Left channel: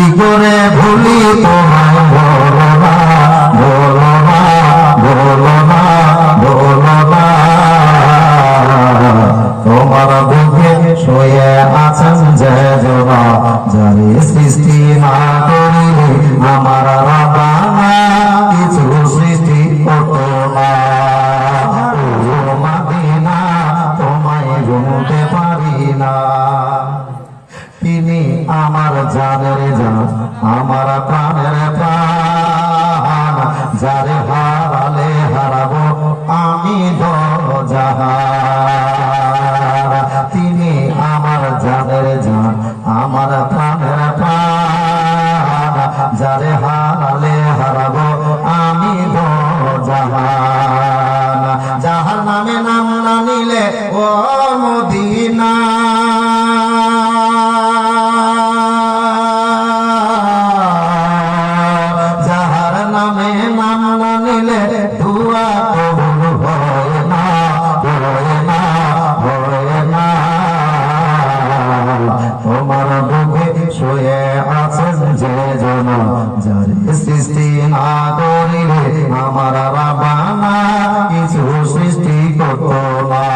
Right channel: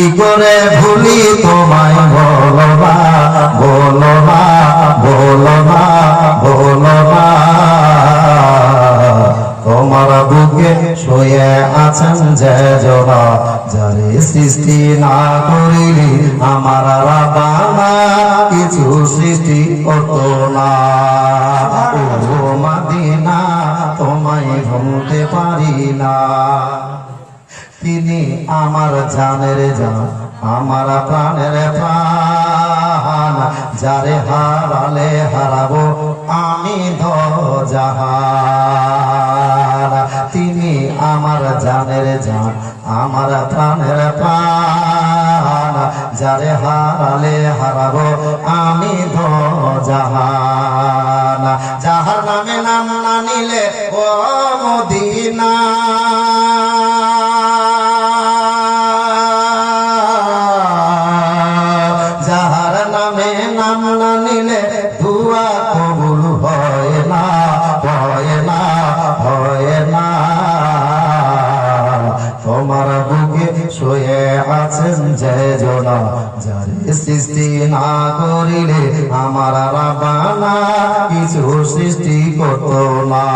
কি করে ভুলি তোমায় বলো না, বলো না, বলো না, বলো না। তোমার বুকে শুয়ে আছেন যে জনা, যারে সৃষ্টি না করিলে আমার রাবানা কিছু সৃষ্টি করতো না। ও মদিনা তোমায় ভুলতে পারি না। তিনি আমার জানের জান, আমার প্রাণের প্রাণ, যারে হারালে হারাবো আমি দোজাহান। তিনি আমার জানের জান, আমার প্রাণের প্রাণ, যারে হারালে হারাবো আমি দোজাহান। যাহার নামে নাম না নিলে ও মদিনা, দুয়া কবুল হয় না, হয় না, হয় না। তোমার বুকে শুয়ে আছেন যে জনা, যারে সৃষ্টি না করিলে আমার রাবানা কিছু সৃষ্টি করতো না।